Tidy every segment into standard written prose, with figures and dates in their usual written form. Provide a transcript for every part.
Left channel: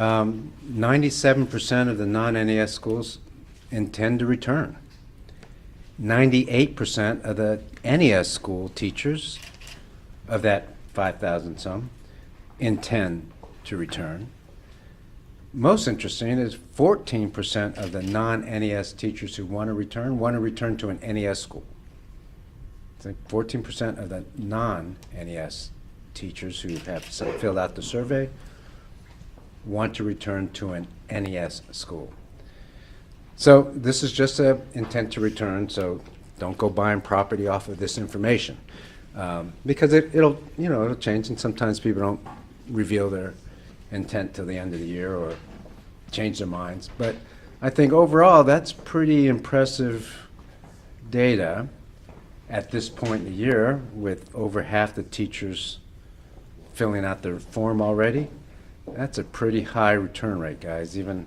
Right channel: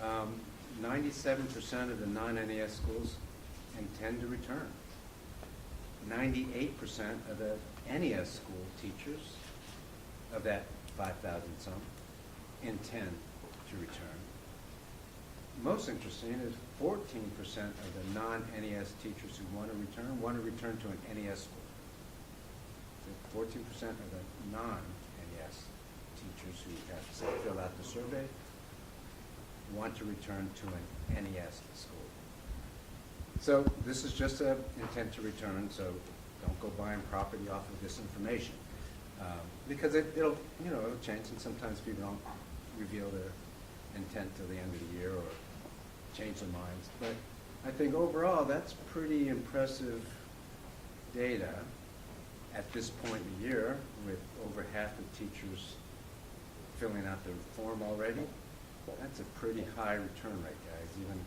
97% of the non-NES schools intend to return. 98% of the NES school teachers, of that 5,000 some, intend to return. Most interesting is 14% of the non-NES teachers who want to return to an NES school. I think 14% of the non-NES teachers who have filled out the survey want to return to an NES school. So this is just an intent to return, so don't go buying property off of this information. Because it'll change, and sometimes people don't reveal their intent till the end of the year or change their minds. But I think overall that's pretty impressive data at this point in the year, with over half the teachers filling out their form already. That's a pretty high return rate, guys, even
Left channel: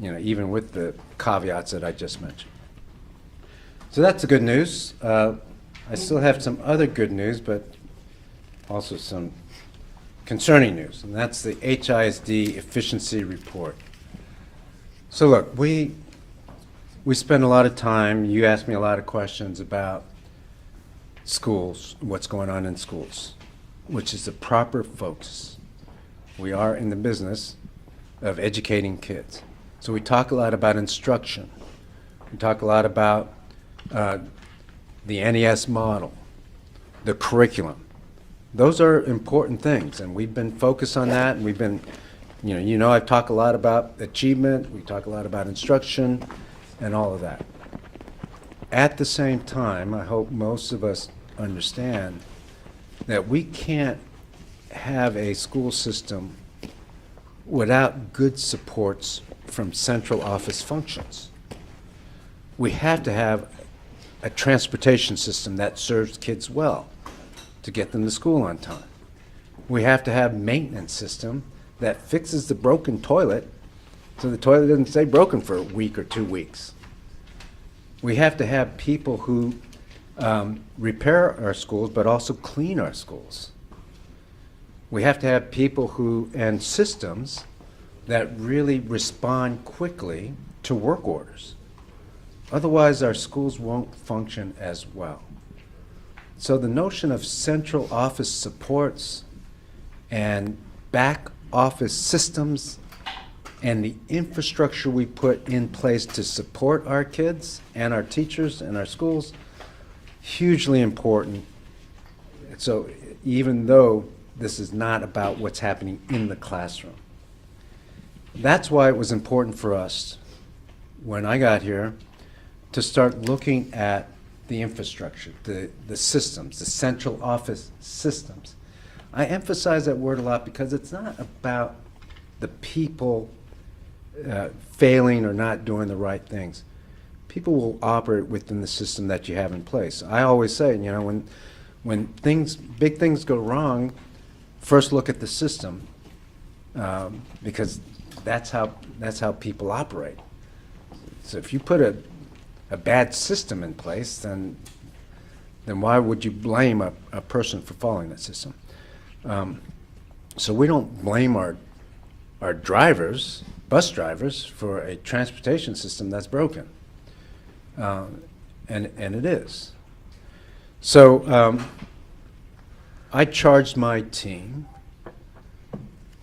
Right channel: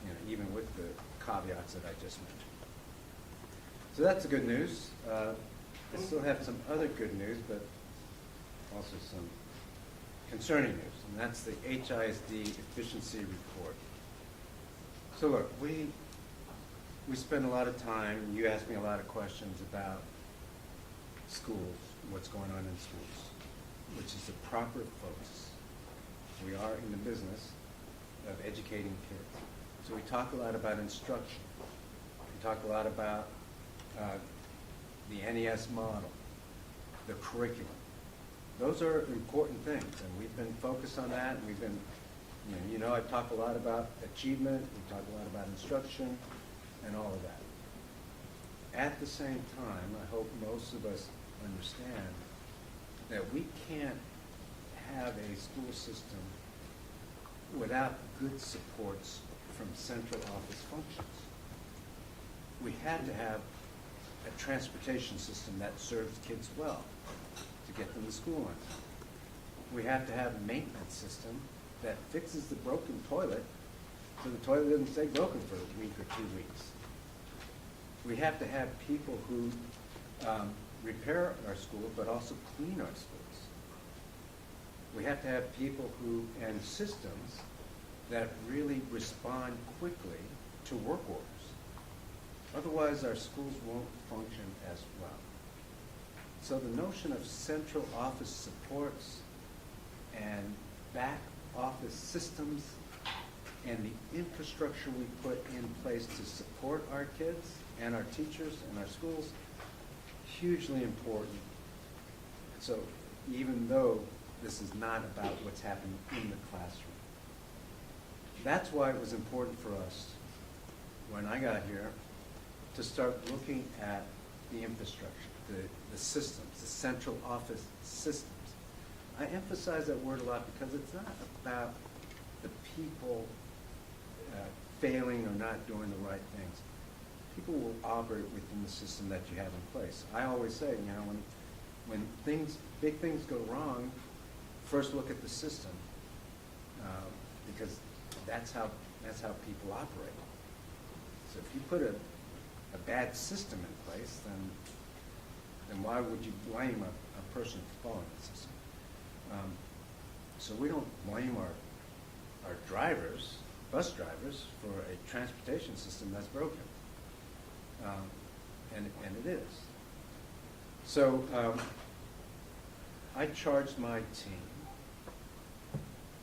with the caveats that I just mentioned. So that's the good news. I still have some other good news, but also some concerning news, and that's the HISD efficiency report. So look, we spend a lot of time, you ask me a lot of questions about schools, what's going on in schools, which is the proper focus. We are in the business of educating kids. So we talk a lot about instruction. We talk a lot about the NES model, the curriculum. Those are important things, and we've been focused on that, and we've been, I've talked a lot about achievement, we talk a lot about instruction, and all of that. At the same time, I hope most of us understand that we can't have a school system without good supports from central office functions. We have to have a transportation system that serves kids well to get them to school on time. We have to have a maintenance system that fixes the broken toilet so the toilet doesn't stay broken for a week or 2 weeks. We have to have people who repair our schools but also clean our schools. We have to have people and systems that really respond quickly to work orders. Otherwise, our schools won't function as well. So the notion of central office supports and back office systems and the infrastructure we put in place to support our kids and our teachers and our schools, hugely important. So even though this is not about what's happening in the classroom. That's why it was important for us, when I got here, to start looking at the infrastructure, the systems, the central office systems. I emphasize that word a lot because it's not about the people failing or not doing the right things. People will operate within the system that you have in place. I always say, when big things go wrong, first look at the system, because that's how people operate. So if you put a bad system in place, then why would you blame a person for following that system? So we don't blame our drivers, bus drivers, for a transportation system that's broken, and it is. So I charged my team,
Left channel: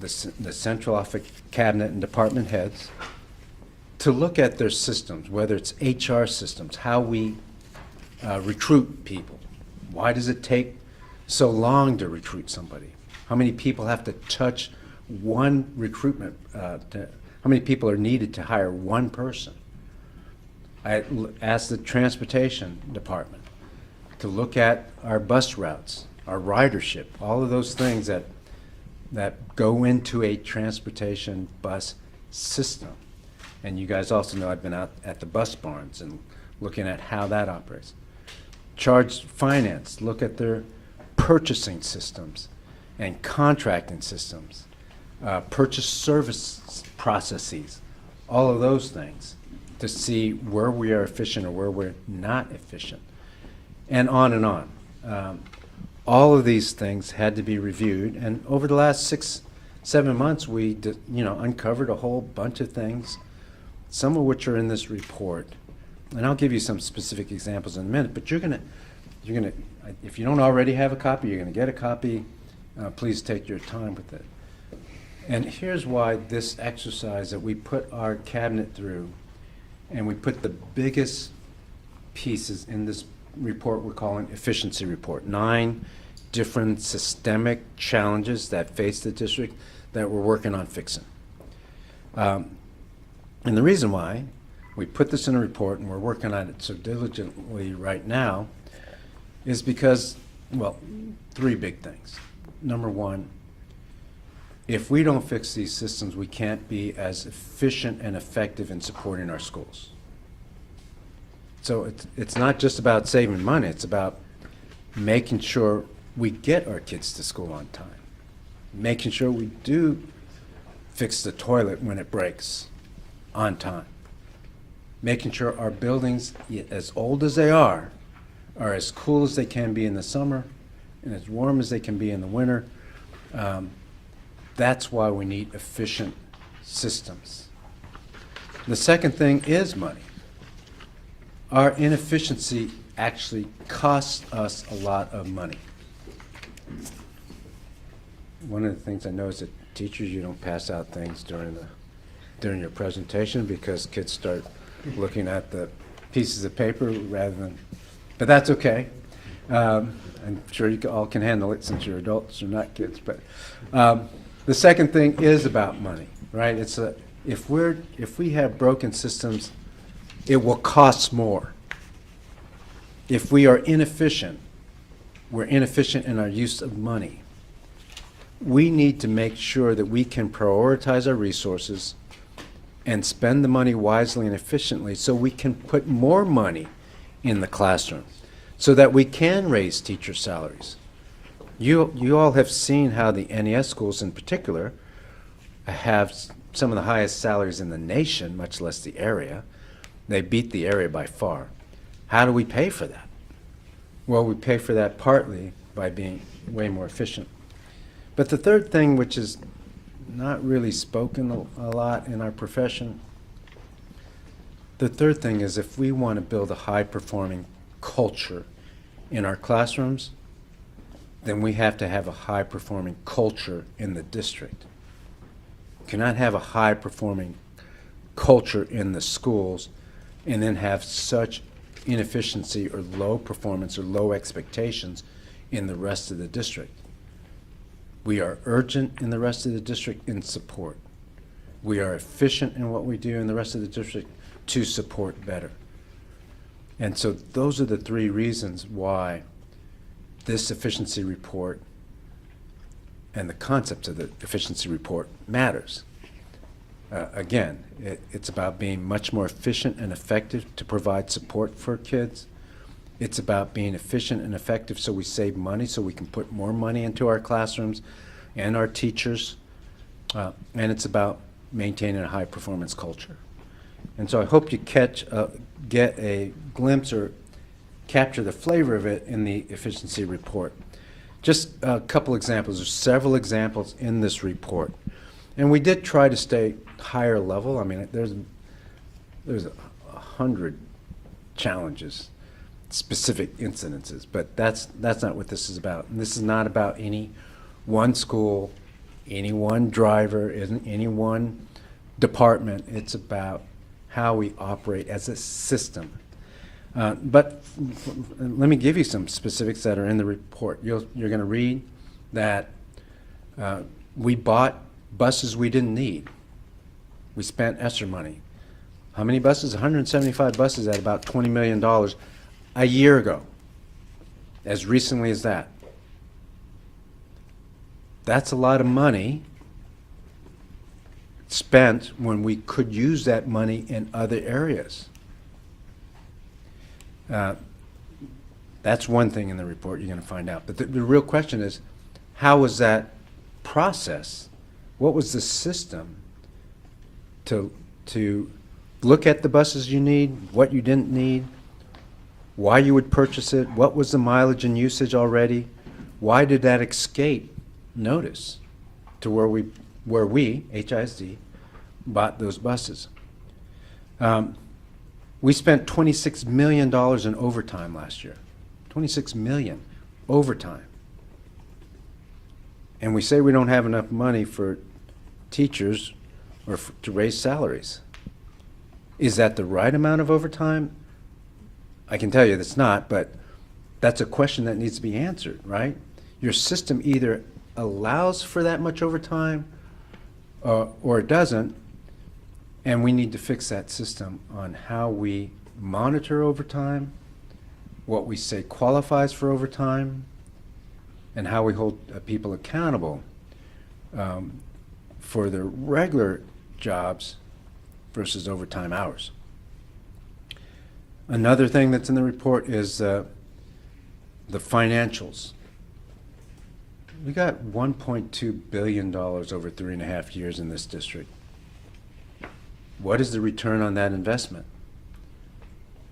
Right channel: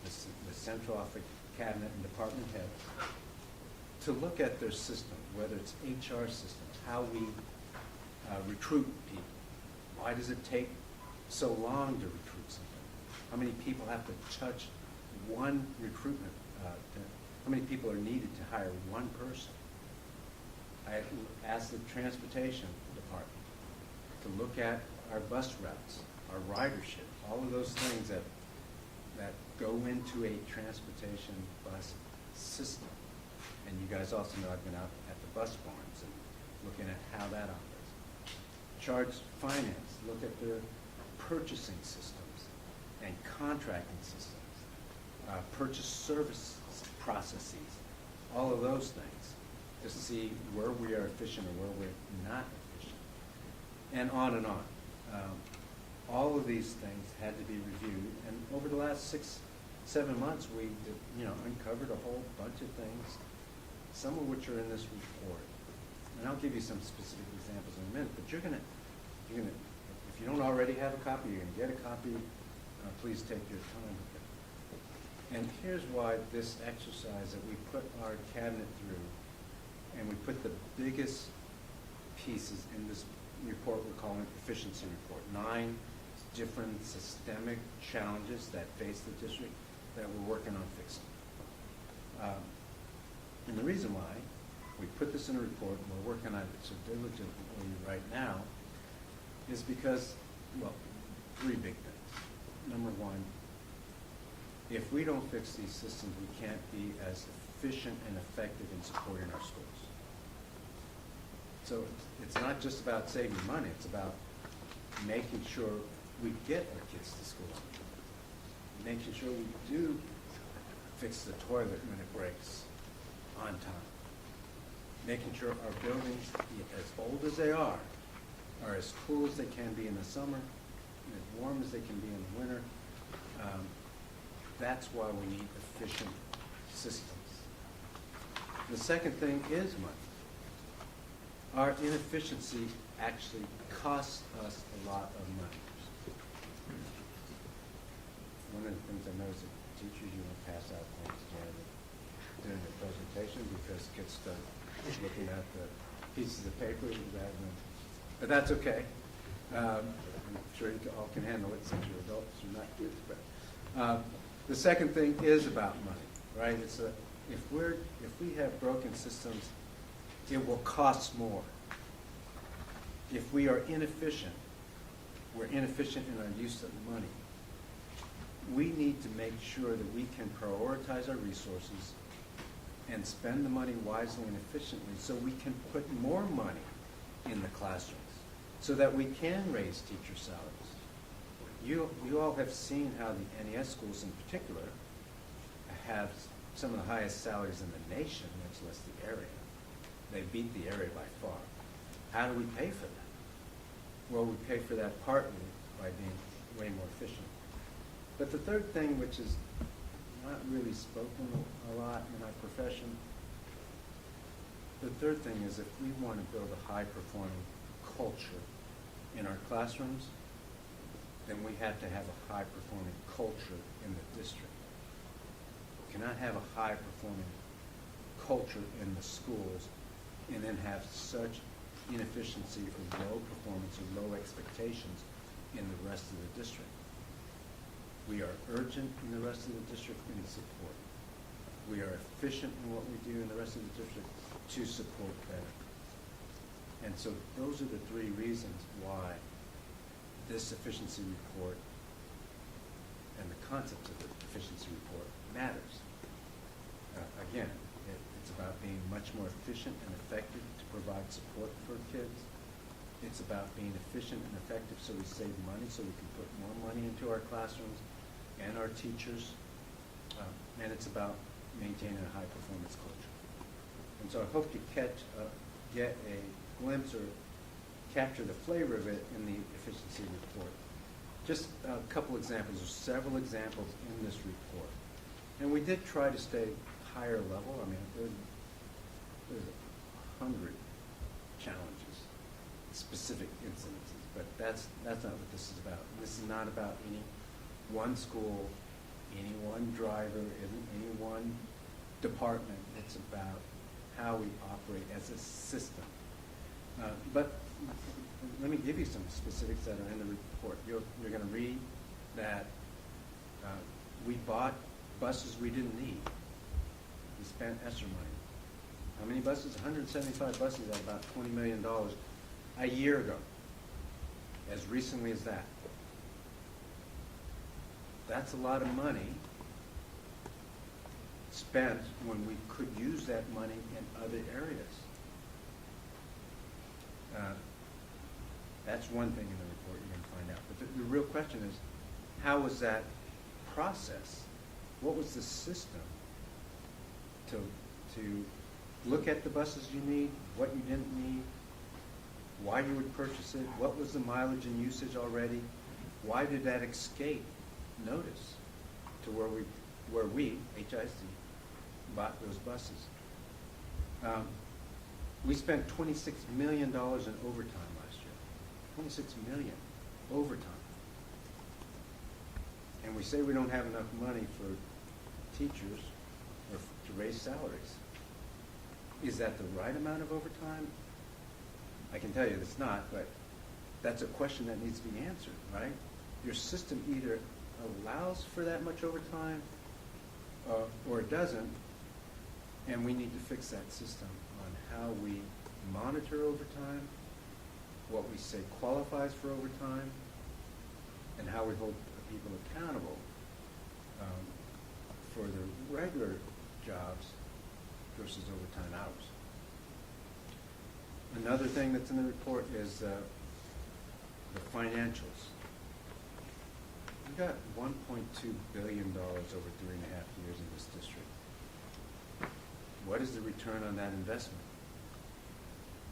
the central office cabinet and department heads, to look at their systems, whether it's HR systems, how we recruit people. Why does it take so long to recruit somebody? How many people have to touch one recruitment? How many people are needed to hire one person? I asked the transportation department to look at our bus routes, our ridership, all of those things that go into a transportation bus system. And you guys also know I've been out at the bus barns and looking at how that operates. Charge finance, look at their purchasing systems and contracting systems, purchase service processes, all of those things, to see where we are efficient or where we're not efficient, and on and on. All of these things had to be reviewed, and over the last 7 months, we uncovered a whole bunch of things, some of which are in this report. And I'll give you some specific examples in a minute, but you're gonna, if you don't already have a copy, you're gonna get a copy. Please take your time with it. And here's why this exercise that we put our cabinet through, and we put the biggest pieces in this report we're calling efficiency report. 9 different systemic challenges that face the district that we're working on fixing. And the reason why we put this in a report and we're working on it so diligently right now is because, well, 3 big things. Number 1, if we don't fix these systems, we can't be as efficient and effective in supporting our schools. So it's not just about saving money, it's about making sure we get our kids to school on time, making sure we do fix the toilet when it breaks on time, making sure our buildings, as old as they are as cool as they can be in the summer and as warm as they can be in the winter. That's why we need efficient systems. The second thing is money. Our inefficiency actually costs us a lot of money. One of the things I know is that teachers, you don't pass out things during your presentation because kids start looking at the pieces of paper rather than, but that's okay. I'm sure you all can handle it since you're adults, you're not kids. But the second thing is about money, right? It's if we have broken systems, it will cost more. If we are inefficient, we're inefficient in our use of money. We need to make sure that we can prioritize our resources and spend the money wisely and efficiently so we can put more money in the classroom so that we can raise teacher salaries. You all have seen how the NES schools in particular have some of the highest salaries in the nation, much less the area. They beat the area by far. How do we pay for that? Well, we pay for that partly by being way more efficient. But the third thing, which is not really spoken a lot in our profession, the third thing is if we want to build a high-performing culture in our classrooms, then we have to have a high-performing culture in the district. You cannot have a high-performing culture in the schools and then have such inefficiency or low performance or low expectations in the rest of the district. We are urgent in the rest of the district in support. We are efficient in what we do in the rest of the district to support better. And so those are the 3 reasons why this efficiency report and the concept of the efficiency report matters. Again, it's about being much more efficient and effective to provide support for kids. It's about being efficient and effective so we save money, so we can put more money into our classrooms and our teachers. And it's about maintaining a high-performance culture. And so I hope you get a glimpse or capture the flavor of it in the efficiency report. Just a couple examples. There's several examples in this report. And we did try to stay higher level. I mean, there's 100 challenges, specific incidences, but that's not what this is about. And this is not about any one school, any one driver, any one department. It's about how we operate as a system. But let me give you some specifics that are in the report. You're going to read that we bought buses we didn't need. We spent ESSER money. How many buses? 175 buses at about $20 million a year ago, as recently as that. That's a lot of money spent when we could use that money in other areas. That's one thing in the report you're going to find out. But the real question is, how was that process? What was the system to look at the buses you need, what you didn't need, why you would purchase it, what was the mileage and usage already, why did that escape notice to where we where we, HISD, bought those buses. We spent $26 million in overtime last year. $26 million overtime. And we say we don't have enough money for teachers or to raise salaries. Is that the right amount of overtime? I can tell you it's not, but that's a question that needs to be answered, right? Your system either allows for that much overtime or it doesn't, and we need to fix that system on how we monitor overtime, what we say qualifies for overtime, and how we hold people accountable for their regular jobs versus overtime hours. Another thing that's in the report is the financials. We got $1.2 billion over 3.5 years in this district. What is the return on that investment?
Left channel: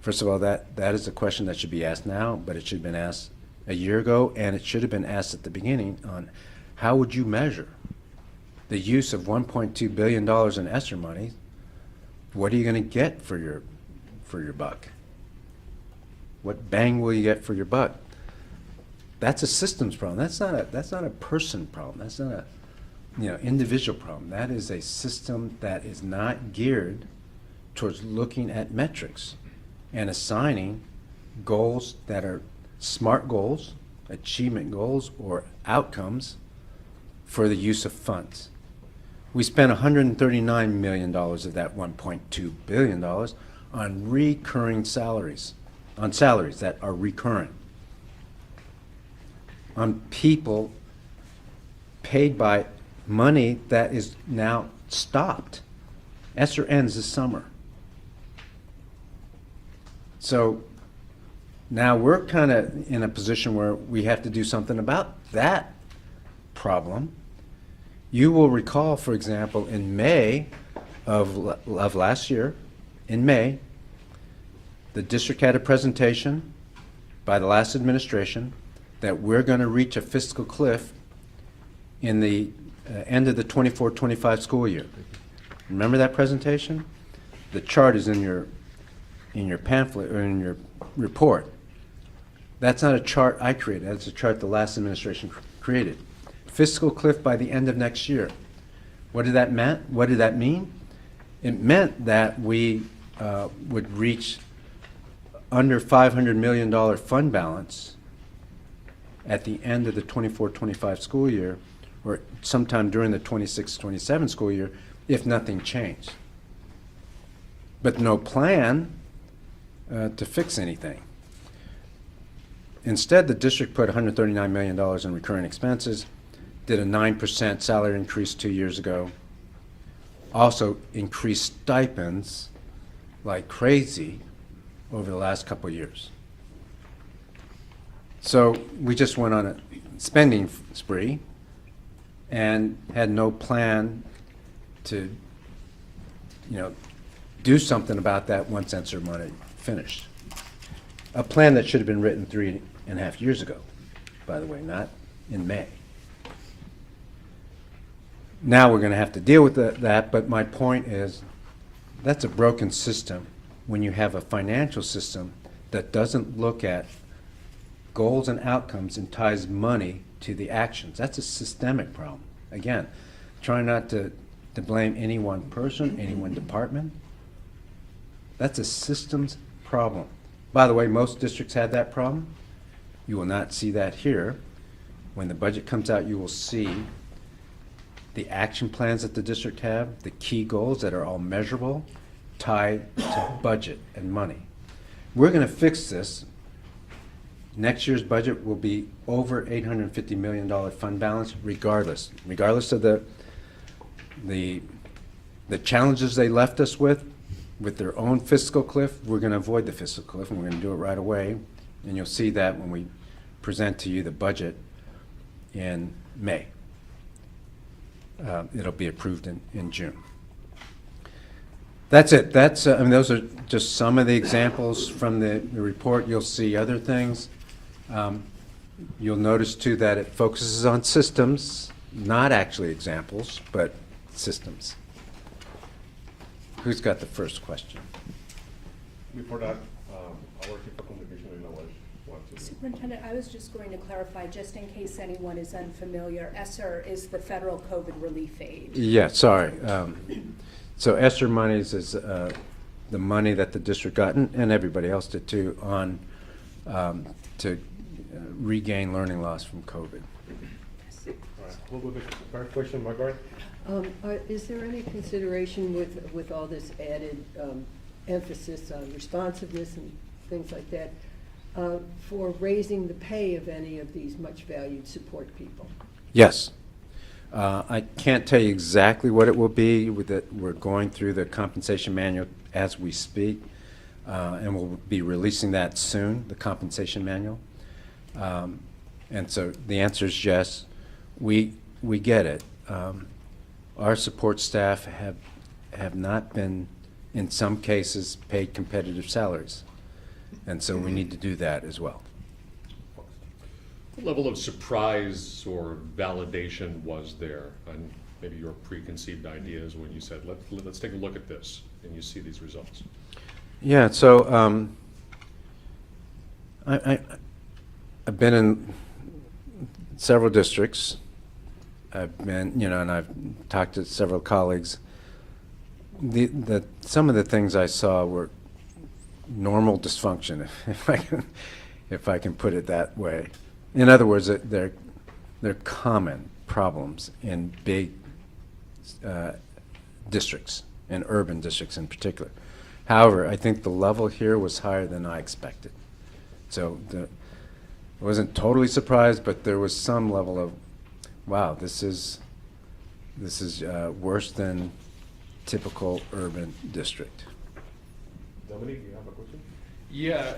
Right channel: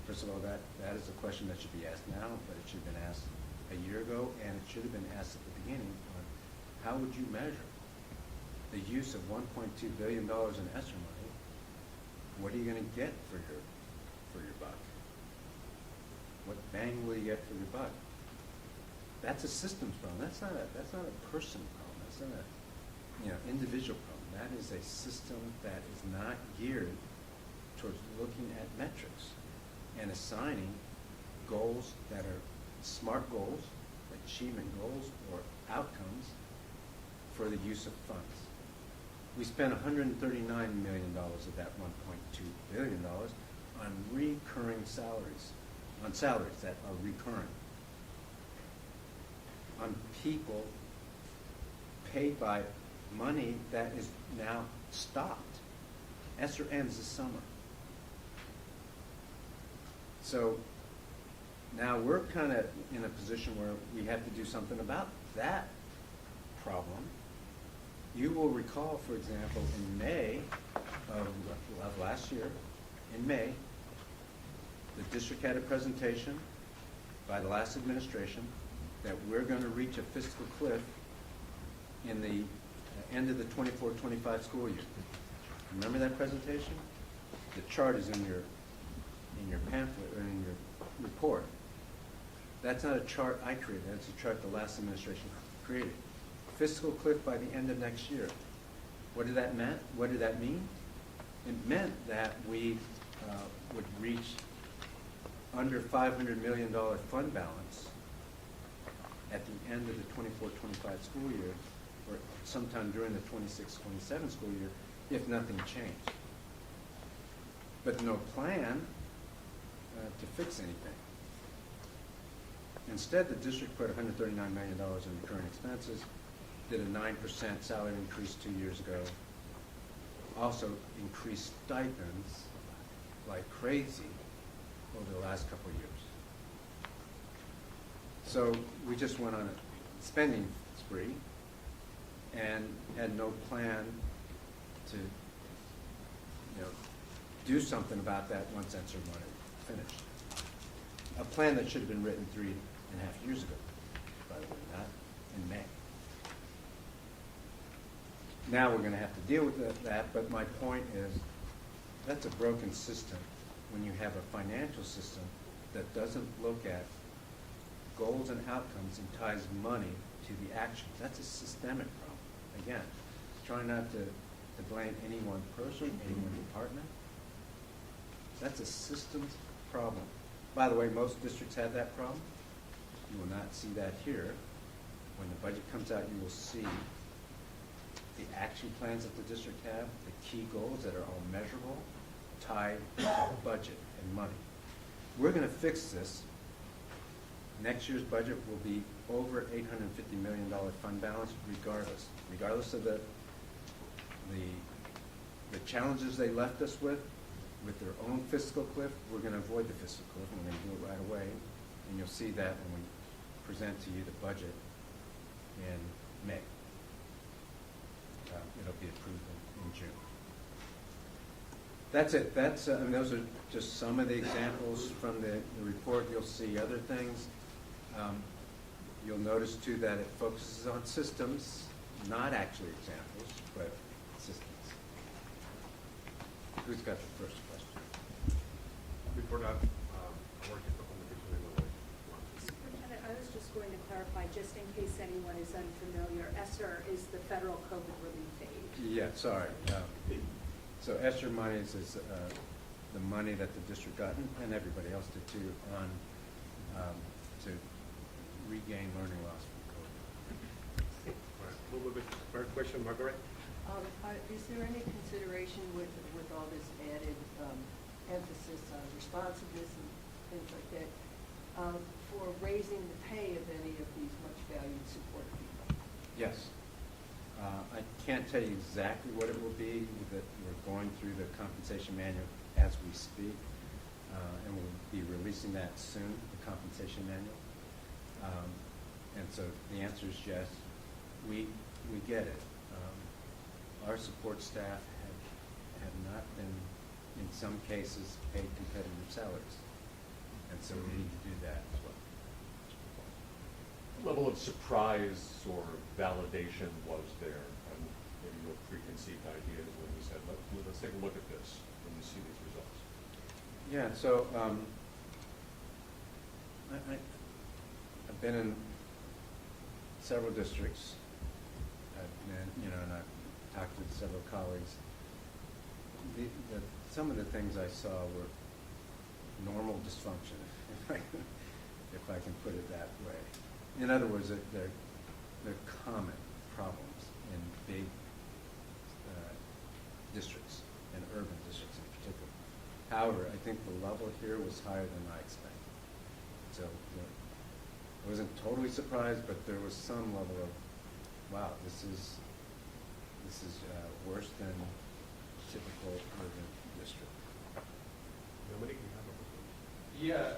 First of all, that is a question that should be asked now, but it should have been asked a year ago, and it should have been asked at the beginning on how would you measure the use of $1.2 billion in ESSER money? What are you going to get for your buck? What bang will you get for your buck? That's a systems problem. That's not a person problem. That's not a individual problem. That is a system that is not geared towards looking at metrics and assigning goals that are SMART goals, achievement goals, or outcomes for the use of funds. We spent $139 million of that $1.2 billion on recurring salaries, on salaries that are recurrent, on people paid by money that is now stopped. ESSER ends this summer. So now we're kind of in a position where we have to do something about that problem. You will recall, for example, in May of last year, in May, the district had a presentation by the last administration that we're going to reach a fiscal cliff in the end of the 24-25 school year. Remember that presentation? The chart is in your pamphlet or in your report. That's not a chart I created. That's a chart the last administration created. Fiscal cliff by the end of next year. What did that mean? What did that mean? It meant that we would reach under $500 million fund balance at the end of the 24-25 school year, or sometime during the 26-27 school year, if nothing changed. But no plan to fix anything. Instead, the district put $139 million in recurring expenses, did a 9% salary increase 2 years ago, also increased stipends like crazy over the last couple of years. So we just went on a spending spree and had no plan to, do something about that once ESSER money finished. A plan that should have been written 3.5 years ago, by the way, not in May. Now we're going to have to deal with that, but my point is that's a broken system when you have a financial system that doesn't look at goals and outcomes and ties money to the actions. That's a systemic problem. Again, try not to blame any one person, any one department. That's a systems problem. By the way, most districts have that problem. You will not see that here. When the budget comes out, you will see the action plans that the district have, the key goals that are all measurable, tied to budget and money. We're going to fix this. Next year's budget will be over $850 million fund balance, regardless of the challenges they left us with their own fiscal cliff. We're going to avoid the fiscal cliff, and we're going to do it right away. And you'll see that when we present to you the budget in May. It'll be approved in June. That's it. Those are just some of the examples from the report. You'll see other things. You'll notice too that it focuses on systems not actually examples, but systems. Who's got the first question? Before that, our typical division in knowledge wants to do. Superintendent, I was just going to clarify, just in case anyone is unfamiliar, ESSER is the federal COVID relief aid. Yeah, sorry. So ESSER monies is the money that the district got, and everybody else did too, on to regain learning loss from COVID. All right, we'll go to the first question, Margaret. Is there any consideration with all this added emphasis on responsiveness and things like that for raising the pay of any of these much valued support people? Yes. I can't tell you exactly what it will be. We're going through the compensation manual as we speak, and we'll be releasing that soon, the compensation manual. And so the answer is yes. We get it. Our support staff have not been, in some cases, paid competitive salaries. And so we need to do that as well. What level of surprise or validation was there on maybe your preconceived ideas when you said, let's take a look at this, and you see these results? Yeah, so I've been in several districts. I've been, and I've talked to several colleagues. Some of the things I saw were normal dysfunction, if I can put it that way. In other words, they're common problems in big districts, in urban districts in particular. However, I think the level here was higher than I expected. So I wasn't totally surprised, but there was some level of, wow, this is worse than typical urban district. Dominic, you have a question? Yeah,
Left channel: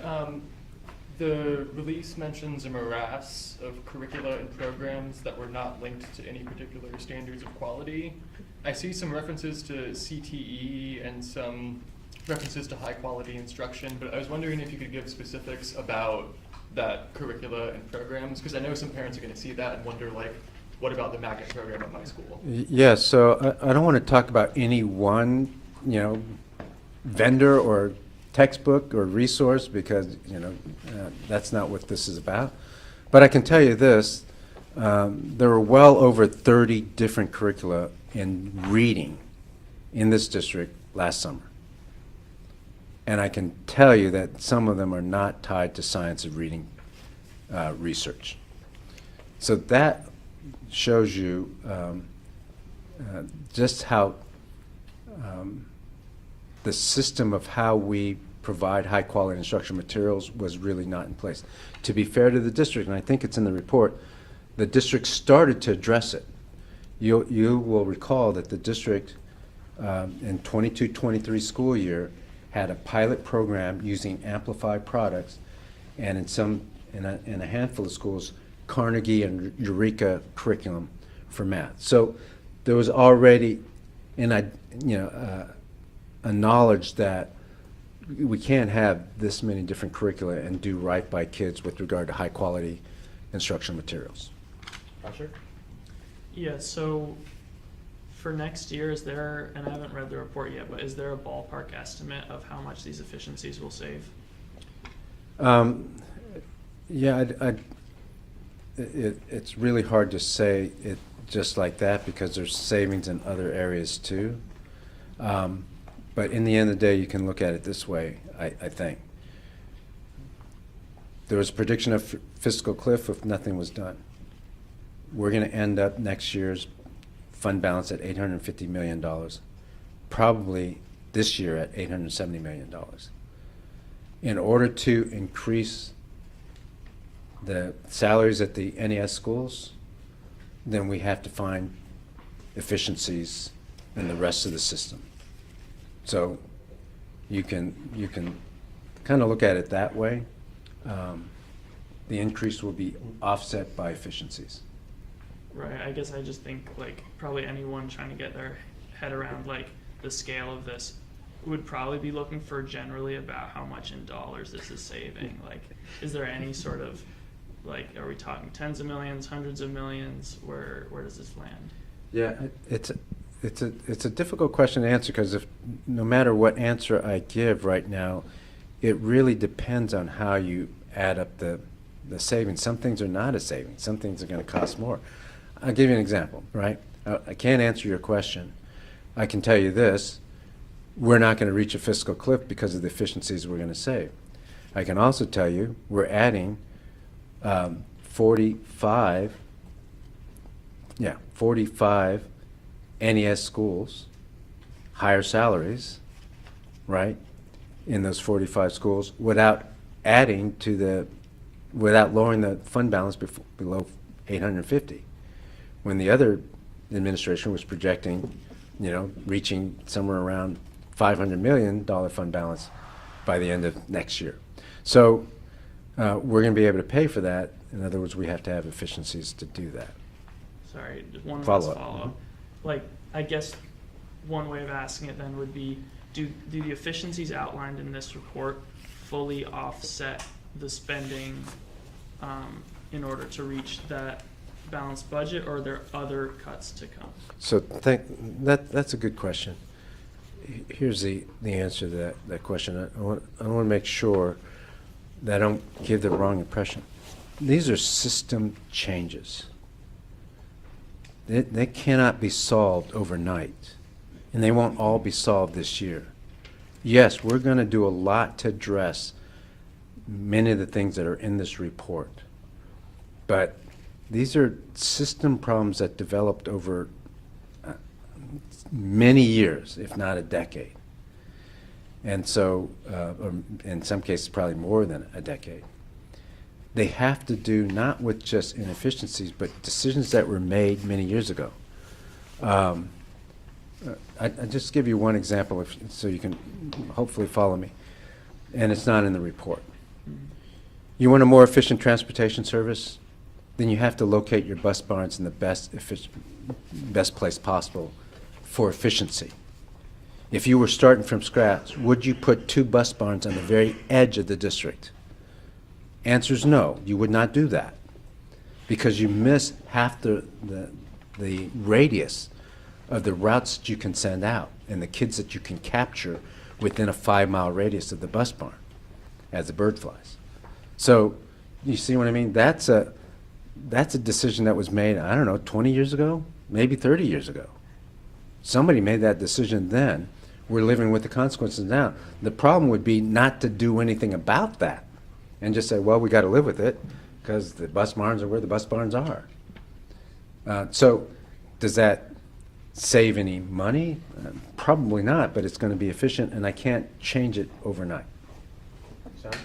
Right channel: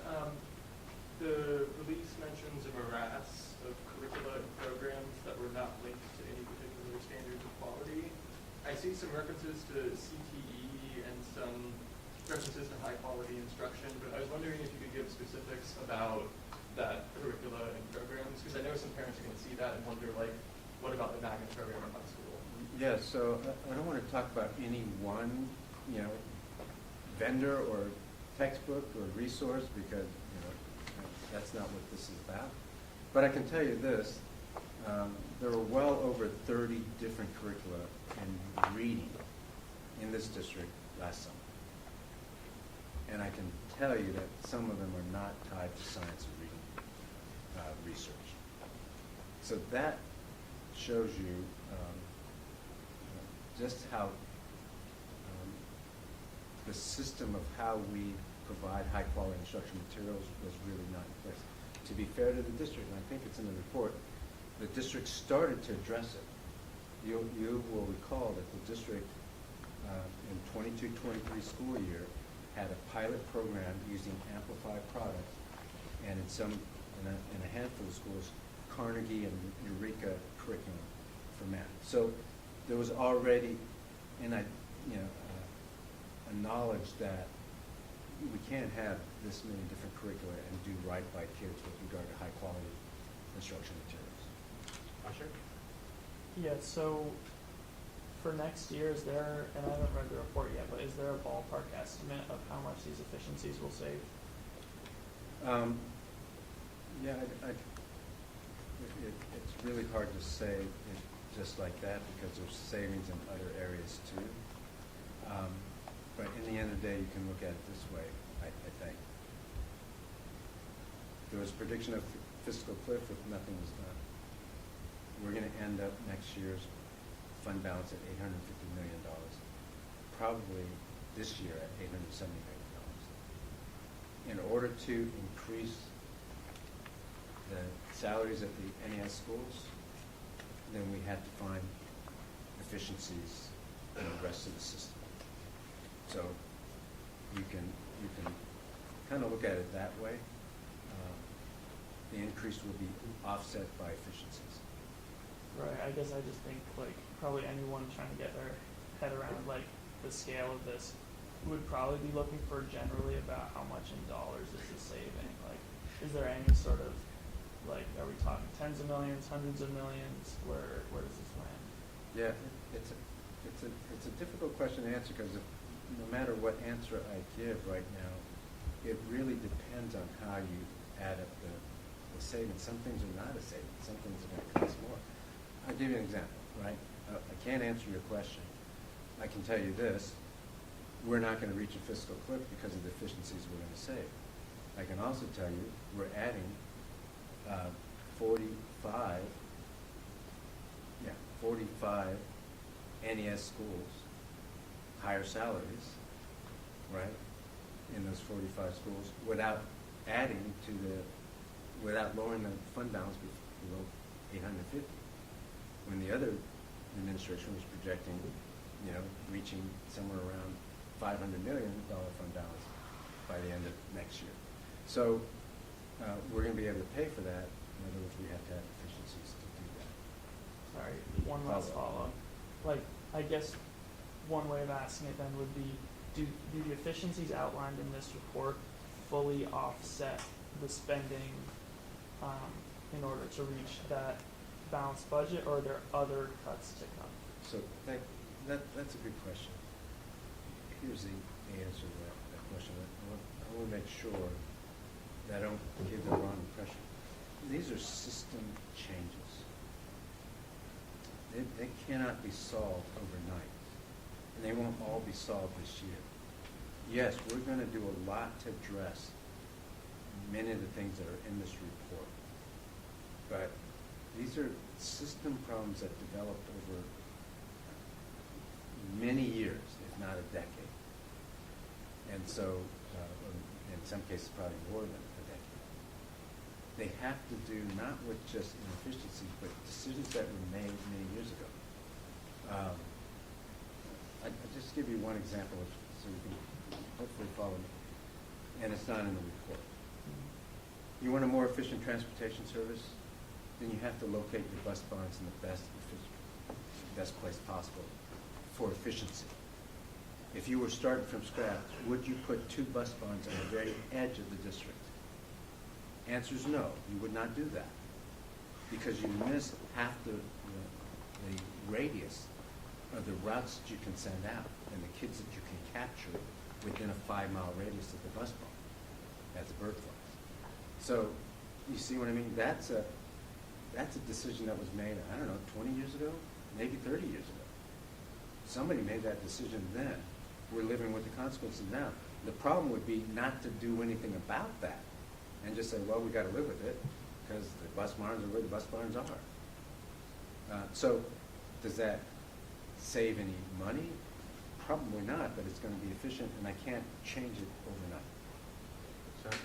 the release mentions a morass of curricula and programs that were not linked to any particular standards of quality. I see some references to CTE and some references to high quality instruction, but I was wondering if you could give specifics about that curricula and programs, because I know some parents are going to see that and wonder, like, what about the magnet program at my school? Yeah, so I don't want to talk about any one, vendor or textbook or resource, because that's not what this is about. But I can tell you this: there were well over 30 different curricula in reading in this district last summer, and I can tell you that some of them are not tied to science and reading research. So that shows you just how the system of how we provide high quality instructional materials was really not in place. To be fair to the district, and I think it's in the report, the district started to address it. You will recall that the district in 22-23 school year had a pilot program using Amplified products, and in a handful of schools, Carnegie and Eureka curriculum for math. So there was already a knowledge that we can't have this many different curricula and do right by kids with regard to high quality instructional materials. Asher? Yeah, so for next year, is there, and I haven't read the report yet, but is there a ballpark estimate of how much these efficiencies will save? Yeah, it's really hard to say it just like that, because there's savings in other areas too. But in the end of the day, you can look at it this way, I think. There was a prediction of fiscal cliff if nothing was done. We're going to end up next year's fund balance at $850 million, probably this year at $870 million. In order to increase the salaries at the NES schools, then we have to find efficiencies in the rest of the system. So you can kind of look at it that way. The increase will be offset by efficiencies. Right, I guess I just think, like, probably anyone trying to get their head around, like, the scale of this would probably be looking for generally about how much in dollars this is saving. Like, is there any sort of Like, are we talking tens of millions, hundreds of millions? Where does this land? Yeah, it's a difficult question to answer, because if, no matter what answer I give right now, it really depends on how you add up the savings. Some things are not a savings. Some things are gonna cost more. I'll give you an example, right? I can't answer your question. I can tell you this: we're not gonna reach a fiscal cliff because of the efficiencies we're gonna save. I can also tell you, we're adding 45 NES schools, higher salaries, right, in those 45 schools, without lowering the fund balance below 850. When the other administration was projecting, reaching somewhere around $500 million fund balance by the end of next year. So we're going to be able to pay for that. In other words, we have to have efficiencies to do that. Sorry, one last Follow-up. follow-up. Like, I guess one way of asking it then would be, do the efficiencies outlined in this report fully offset the spending in order to reach that balanced budget, or are there other cuts to come? So that's a good question. Here's the answer to that question. I want to make sure that I don't give the wrong impression. These are system changes. They cannot be solved overnight, and they won't all be solved this year. Yes, we're going to do a lot to address many of the things that are in this report, but these are system problems that developed over many years, if not a decade. And so, or in some cases, probably more than a decade. They have to do not with just inefficiencies, but decisions that were made many years ago. I just give you one example, so you can hopefully follow me, and it's not in the report. You want a more efficient transportation service? Then you have to locate your bus barns in the best place possible for efficiency. If you were starting from scratch, would you put 2 bus barns on the very edge of the district? Answer is no, you would not do that, because you miss half the radius of the routes that you can send out and the kids that you can capture within a 5-mile radius of the bus barn as the bird flies. So you see what I mean? That's a decision that was made, I don't know, 20 years ago, maybe 30 years ago. Somebody made that decision then. We're living with the consequences now. The problem would be not to do anything about that and just say, well, we got to live with it because the bus barns are where the bus barns are. So does that save any money? Probably not, but it's going to be efficient, and I can't change it overnight. Sorry?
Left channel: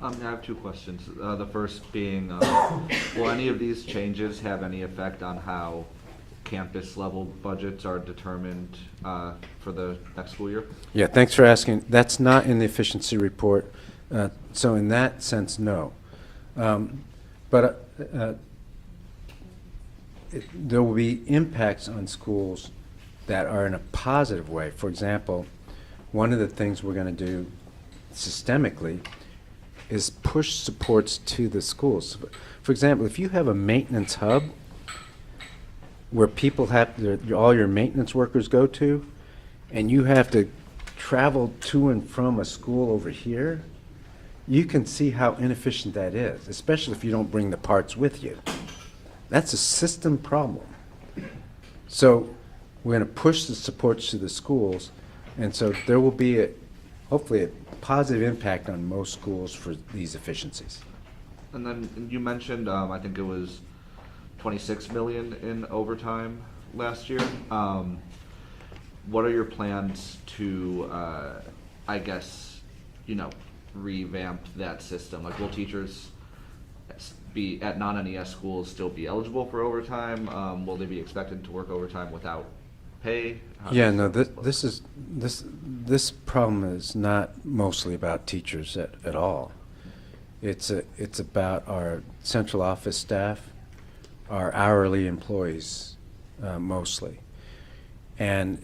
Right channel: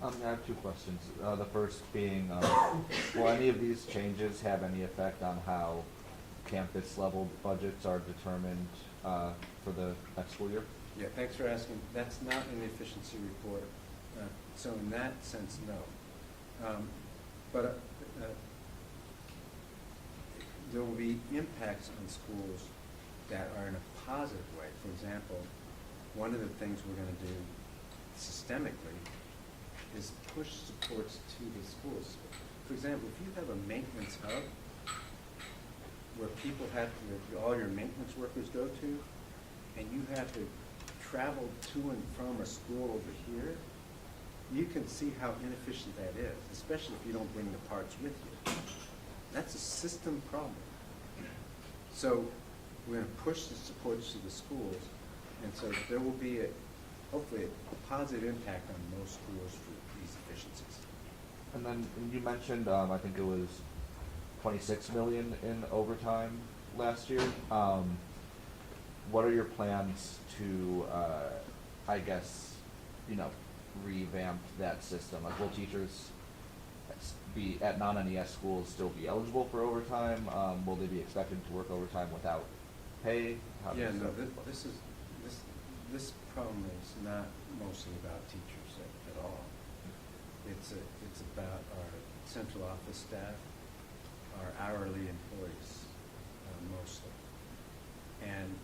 I have 2 questions. The first being, will any of these changes have any effect on how campus-level budgets are determined for the next school year? Yeah, thanks for asking. That's not in the efficiency report. So in that sense, no. But there will be impacts on schools that are in a positive way. For example, one of the things we're going to do systemically is push supports to the schools. For example, if you have a maintenance hub where people all your maintenance workers go to, and you have to travel to and from a school over here, you can see how inefficient that is, especially if you don't bring the parts with you. That's a system problem. So we're going to push the supports to the schools, and so there will be hopefully a positive impact on most schools for these efficiencies. And then you mentioned, I think it was 26 million in overtime last year. What are your plans to, I guess, revamp that system? Like, will teachers be at non-NES schools still be eligible for overtime? Will they be expected to work overtime without pay? Yeah, no, this problem is not mostly about teachers at all. It's about our central office staff, our hourly employees mostly. And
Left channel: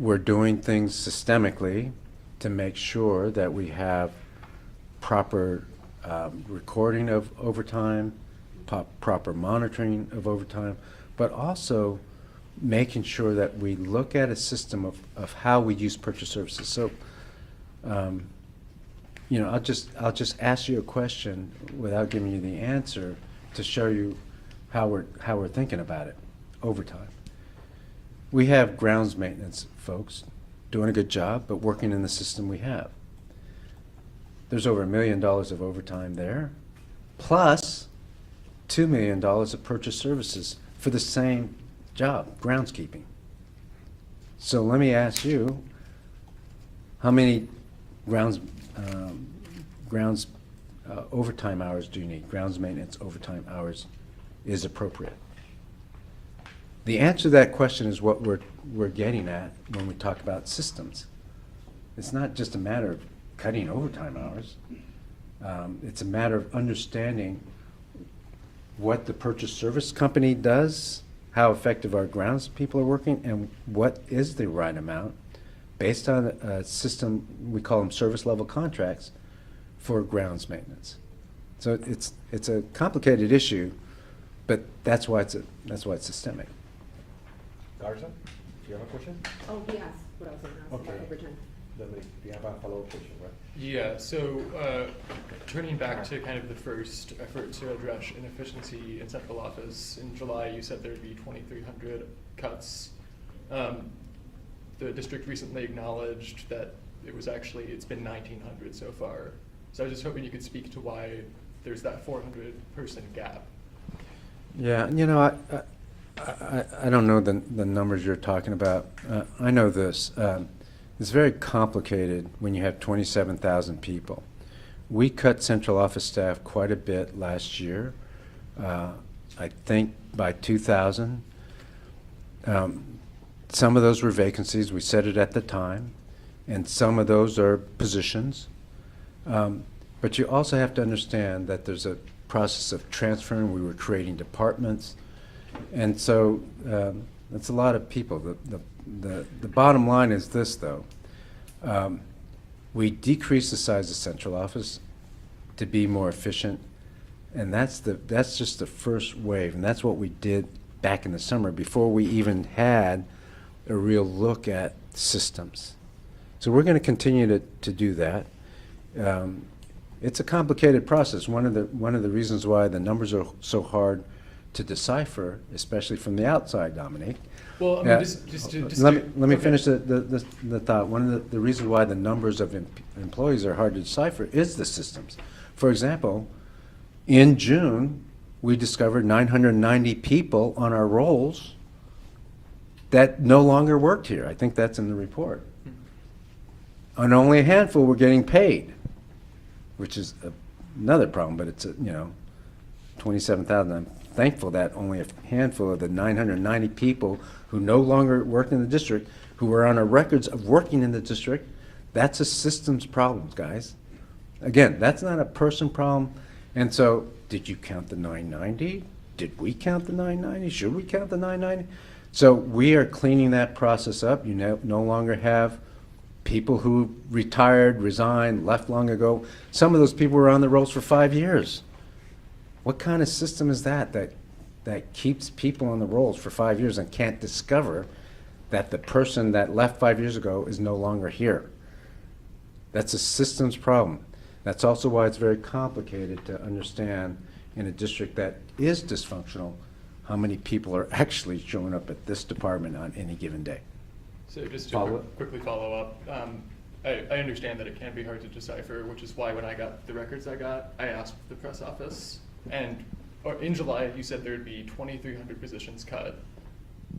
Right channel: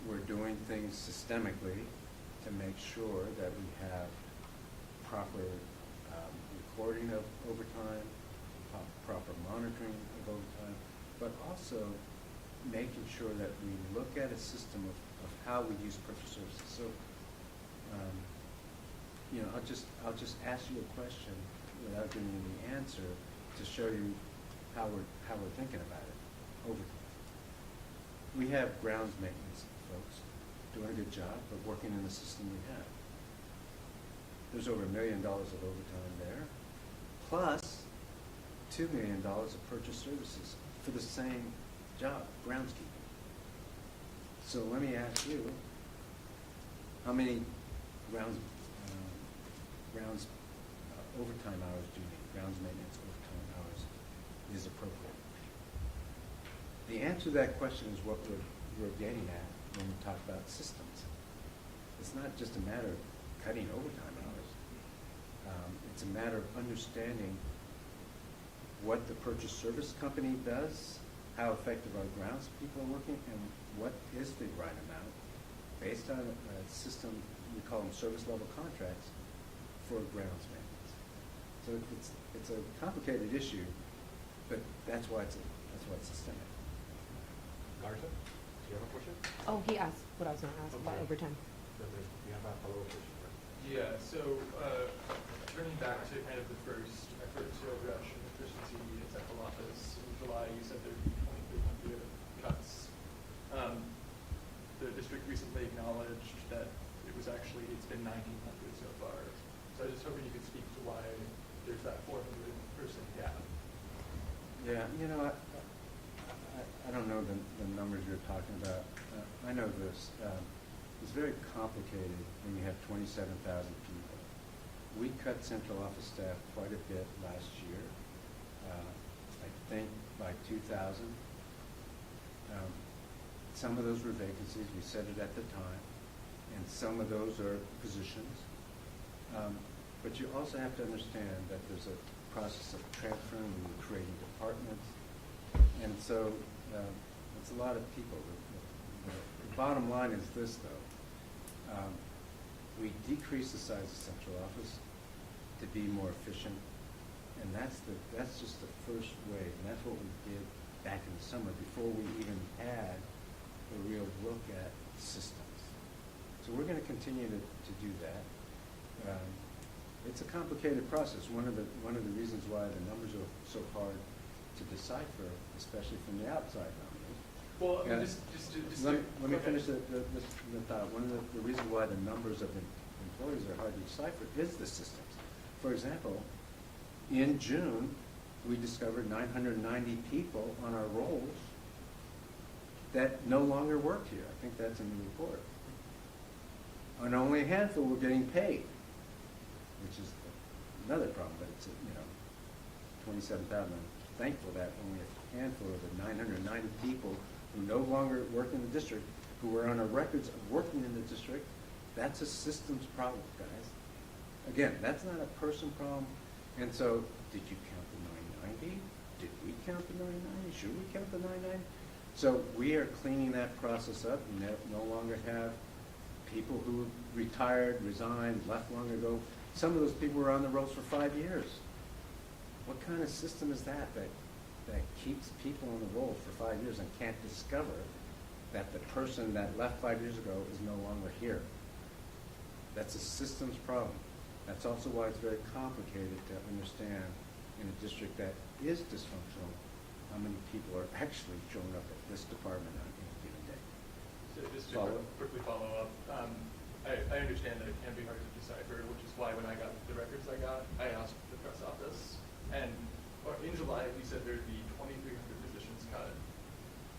we're doing things systemically to make sure that we have proper recording of overtime, proper monitoring of overtime, but also making sure that we look at a system of how we use purchase services. So, you know, I'll just ask you a question without giving you the answer to show you how we're thinking about it. Overtime. We have grounds maintenance folks doing a good job, but working in the system we have. There's over $1 million of overtime there, plus $2 million of purchase services for the same job, groundskeeping. So let me ask you, how many grounds overtime hours do you need? Grounds maintenance overtime hours is appropriate. The answer to that question is what we're getting at when we talk about systems. It's not just a matter of cutting overtime hours. It's a matter of understanding what the purchase service company does, how effective our grounds people are working, and what is the right amount based on a system, we call them service level contracts, for grounds maintenance. So it's a complicated issue, but that's why it's systemic. Garza, do you have a question? Oh, he asked what I was gonna ask about Okay. overtime. Dominic, you have a follow-up question, right? Yeah, so turning back to kind of the first effort to address inefficiency in central office, in July you said there'd be 2,300 cuts. The district recently acknowledged that it's been 1,900 so far. So I was just hoping you could speak to why there's that 400 person gap. Yeah, you know, I don't know the numbers you're talking about. I know this. It's very complicated when you have 27,000 people. We cut central office staff quite a bit last year. I think by 2,000. Some of those were vacancies. We said it at the time. And some of those are positions. But you also have to understand that there's a process of transferring. We were creating departments. And so it's a lot of people. The bottom line is this, though. We decreased the size of central office to be more efficient, and that's just the first wave, and that's what we did back in the summer before we even had a real look at systems. So we're going to continue to do that. It's a complicated process. One of the reasons why the numbers are so hard to decipher, especially from the outside, Dominique. Well, I mean, Yeah. just Let me okay. finish the thought. One of the reasons why the numbers of employees are hard to decipher is the systems. For example, in June, we discovered 990 people on our rolls that no longer worked here. I think that's in the report. And only a handful were getting paid, which is another problem, but it's, 27,000. I'm thankful that only a handful of the 990 people who no longer worked in the district, who were on our records of working in the district, that's a systems problem, guys. Again, that's not a person problem. And so, did you count the 990? Did we count the 990? Should we count the 990? So we are cleaning that process up. You no longer have people who retired, resigned, left long ago. Some of those people were on the rolls for 5 years. What kind of system is that keeps people on the rolls for 5 years and can't discover that the person that left 5 years ago is no longer here? That's a systems problem. That's also why it's very complicated to understand in a district that is dysfunctional how many people are actually showing up at this department on any given day. So just to Follow up? quickly follow up, I understand that it can be hard to decipher, which is why when I got the records I got, I asked the press office. And in July, you said there would be 2,300 positions cut.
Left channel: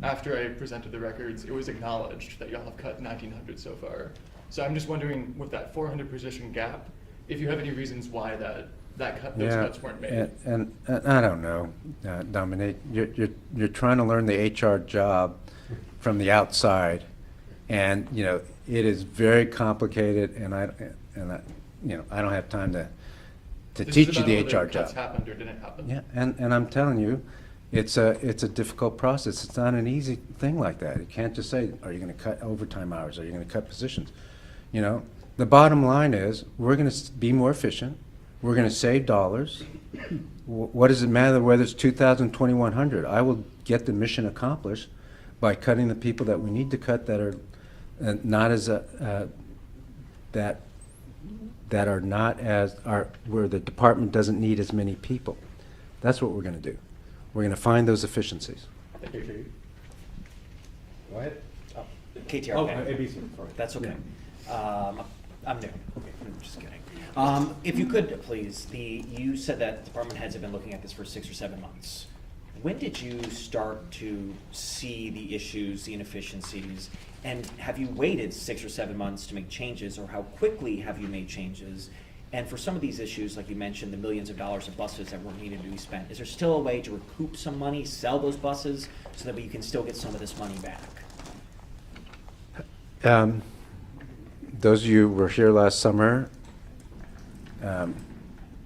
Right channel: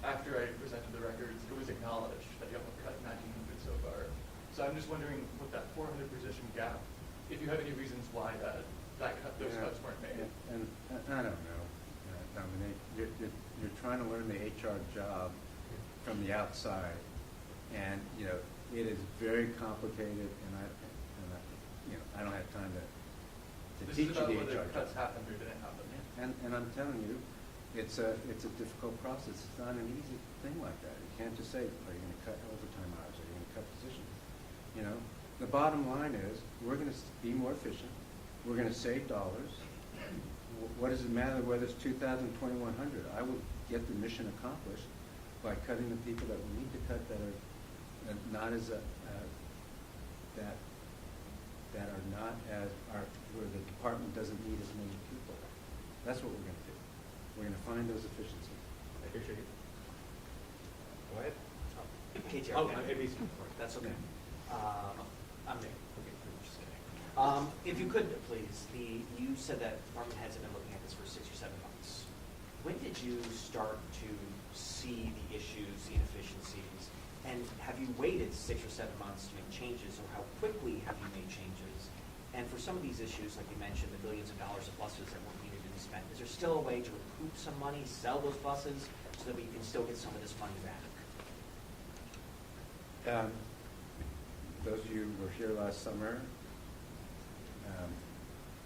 After I presented the records, it was acknowledged that y'all have cut 1,900 so far. So I'm just wondering, with that 400 position gap, if you have any reasons why those cuts weren't made. And I don't know, Dominique. You're trying to learn the HR job from the outside, and it is very complicated. And I don't have time to This teach is you the about whether HR job. cuts happened or didn't happen. Yeah, and I'm telling you, it's a difficult process. It's not an easy thing like that. You can't just say, are you going to cut overtime hours? Are you going to cut positions? The bottom line is we're going to be more efficient. we're gonna save dollars. What does it matter whether it's 2,000, 2,100? I will get the mission accomplished by cutting the people that we need to cut that are not as, that are not as, are, where the department doesn't need as many people. That's what we're gonna do. We're gonna find those efficiencies. Thank you, Chief. Go ahead. KTR. Oh, okay. ABC, sorry. That's okay. I'm there. Okay, I'm just kidding. If you could, please, you said that department heads have been looking at this for 6 or 7 months. When did you start to see the issues, the inefficiencies, and have you waited 6 or 7 months to make changes, or how quickly have you made changes? And for some of these issues, like you mentioned, the millions of dollars of buses that weren't needed to be spent, is there still a way to recoup some money, sell those buses, so that we can still get some of this money back? Those of you who were here last summer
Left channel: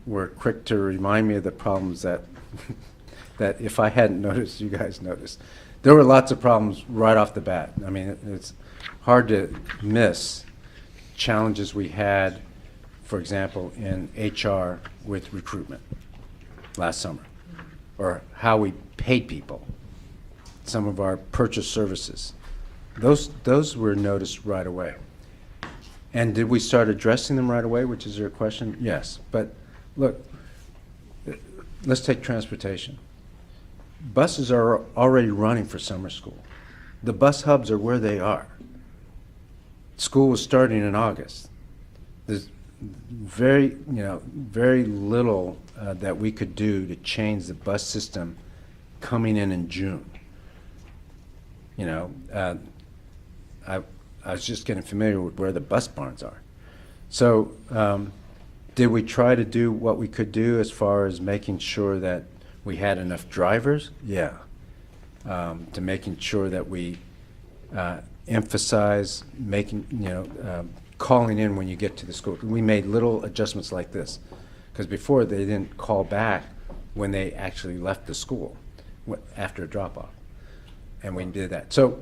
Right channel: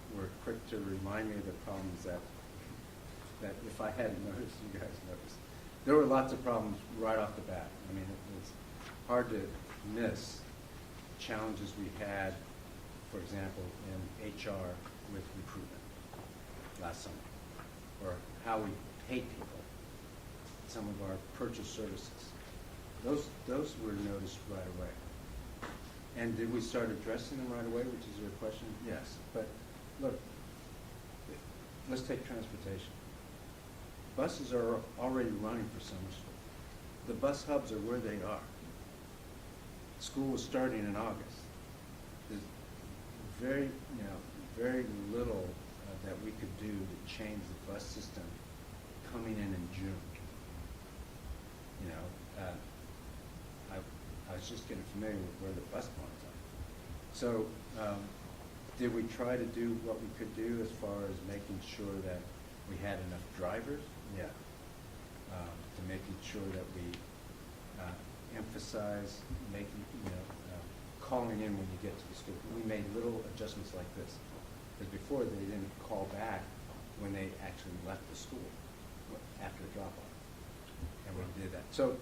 were quick to remind me of the problems that, that if I hadn't noticed, you guys noticed. There were lots of problems right off the bat. I mean, it's hard to miss challenges we had, for example, in HR with recruitment last summer, or how we paid people, some of our purchase services. Those were noticed right away. And did we start addressing them right away, which is your question? Yes. But look, let's take transportation. Buses are already running for summer school. The bus hubs are where they are. School was starting in August. There's very little that we could do to change the bus system coming in June. You know, I was just getting familiar with where the bus barns are. So did we try to do what we could do as far as making sure that we had enough drivers? Yeah. To making sure that we emphasize making, calling in when you get to the school. We made little adjustments like this, because before they didn't call back when they actually left the school after a drop-off, and we did that. So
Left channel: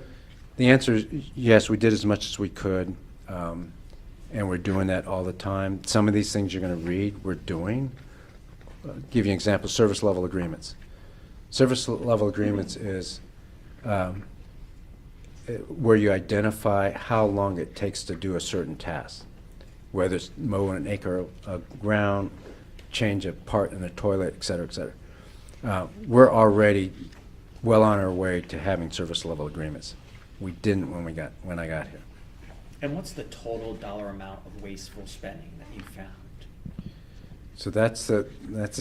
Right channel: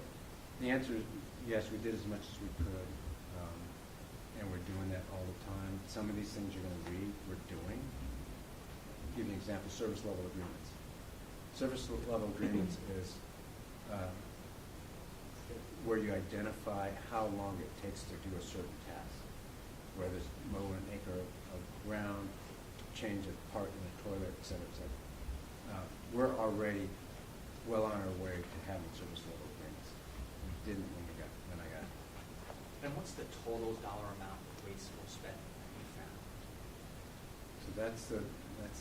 the answer is yes, we did as much as we could, and we're doing that all the time. Some of these things you're going to read, we're doing. Give you an example, service level agreements. Service level agreements is where you identify how long it takes to do a certain task, whether it's mow an acre of ground, change a part in a toilet, et cetera, et cetera. We're already well on our way to having service level agreements. We didn't when I got here. And what's the total dollar amount of wasteful spending that you found? So that's the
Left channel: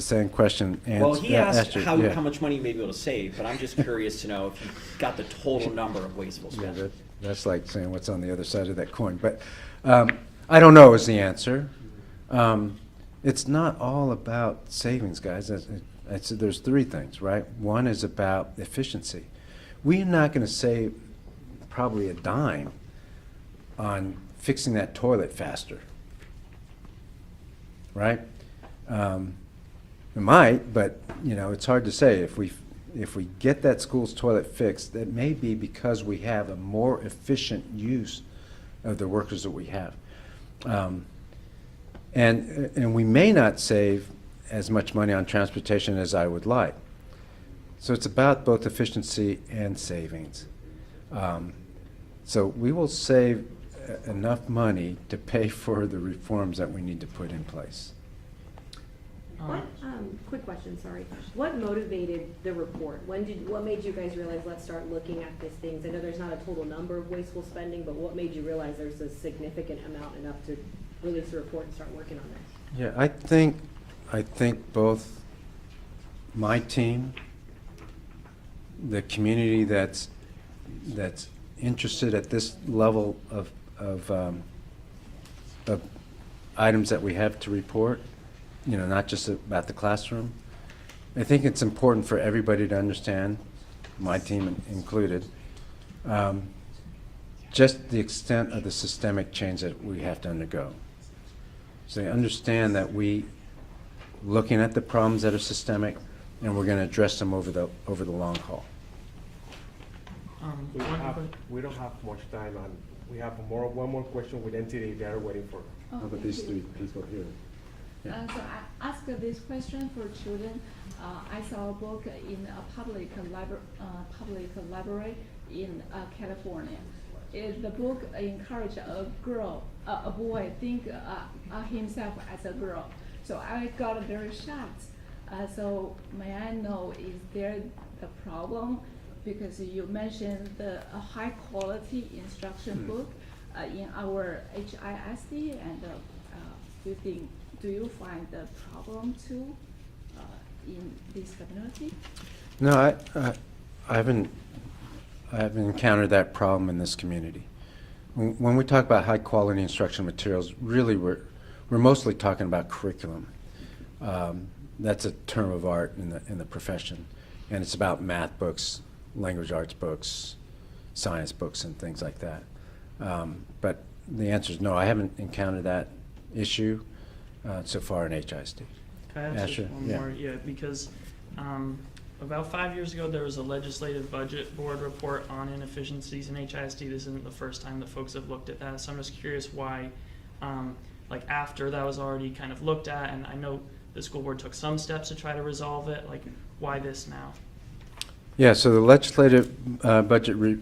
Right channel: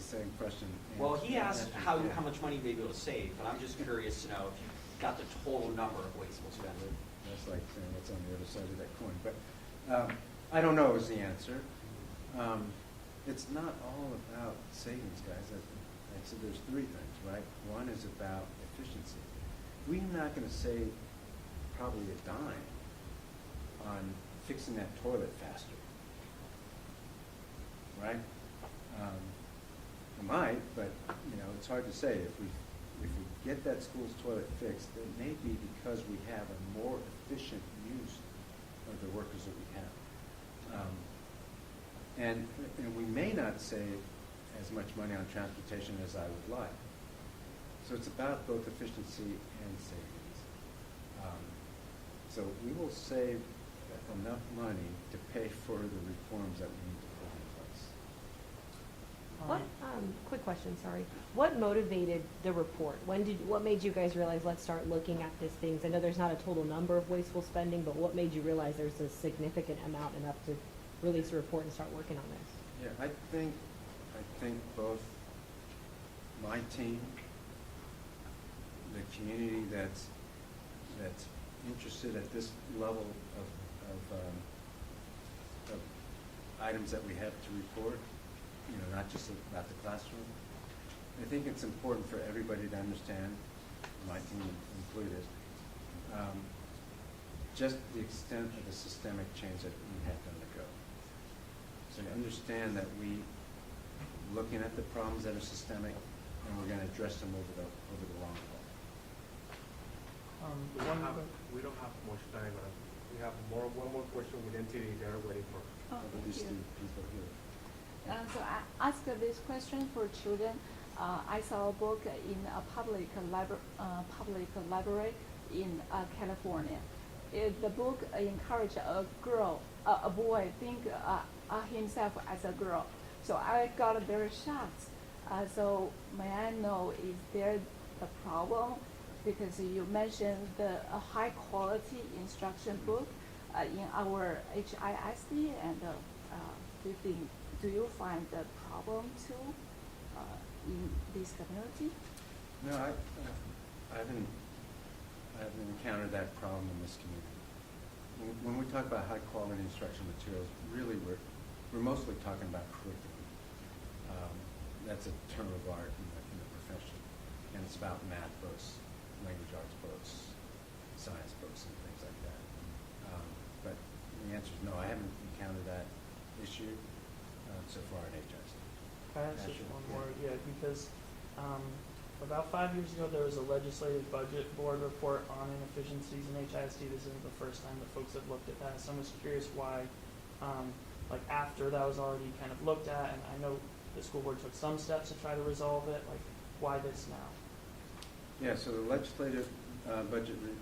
same question. Well, he asked you, how yeah. much money you may be able to save, but I'm just curious to know if you got the total number of wasteful Yeah, spending. that's like saying what's on the other side of that coin. But I don't know is the answer. It's not all about savings, guys. There's three things, right? One is about efficiency. We're not going to save probably a dime on fixing that toilet faster, right? We might, but it's hard to say. If we get that school's toilet fixed, that may be because we have a more efficient use of the workers that we have, and we may not save as much money on transportation as I would like. So it's about both efficiency and savings. So we will save enough money to pay for the reforms that we need to put in place. What, quick question, sorry. What motivated the report? What made you guys realize, let's start looking at these things? I know there's not a total number of wasteful spending, but what made you realize there's a significant amount enough to release a report and start working on this? Yeah, I think both my team, the community that's interested at this level of items that we have to report, not just about the classroom. I think it's important for everybody to understand, my team included, just the extent of the systemic change that we have to undergo. So they understand that looking at the problems that are systemic, and we're going to address them over the long haul. We don't have much time, and we have one more question with NTD that are waiting for. How about these three people here? So I asked this question for children. I saw a book in a public library in California. The book encouraged a boy think himself as a girl. So I got very shocked. So may I know, is there a problem? Because you mentioned the high quality instruction book in our HISD, and do you find the problem too in this community? No, I haven't encountered that problem in this community. When we talk about high-quality instructional materials, really we're mostly talking about curriculum. That's a term of art in the profession, and it's about math books, language arts books, science books, and things like that. But the answer is no. I haven't encountered that issue so far in HISD. Can I ask Yeah, just sure. one Yeah. more? Yeah, because about 5 years ago, there was a legislative budget board report on inefficiencies in HISD. This isn't the first time that folks have looked at that, so I'm just curious why, like after that was already kind of looked at, and I know the school board took some steps to try to resolve it, like why this now? Yeah, so the legislative budget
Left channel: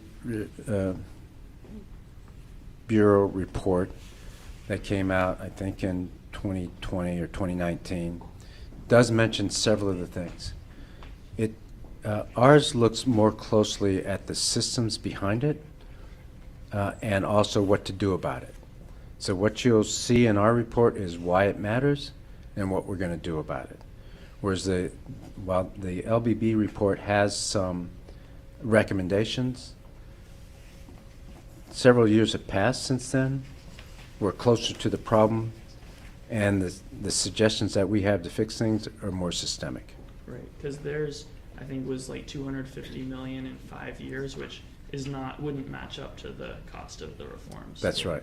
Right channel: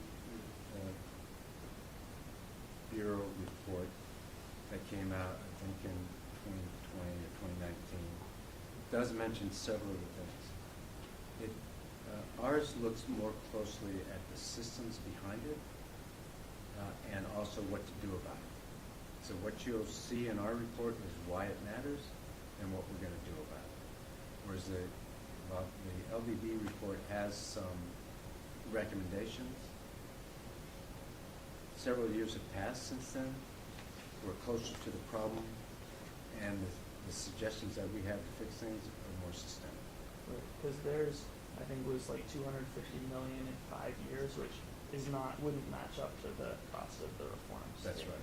bureau report that came out, I think in 2020 or 2019, does mention several of the things. Ours looks more closely at the systems behind it and also what to do about it. So what you'll see in our report is why it matters and what we're going to do about it. Whereas while the LBB report has some recommendations, several years have passed since then. We're closer to the problem, and the suggestions that we have to fix things are more systemic. Right, because there's, I think, was like 250 million in 5 years, which wouldn't match up to the cost of the reforms. That's right.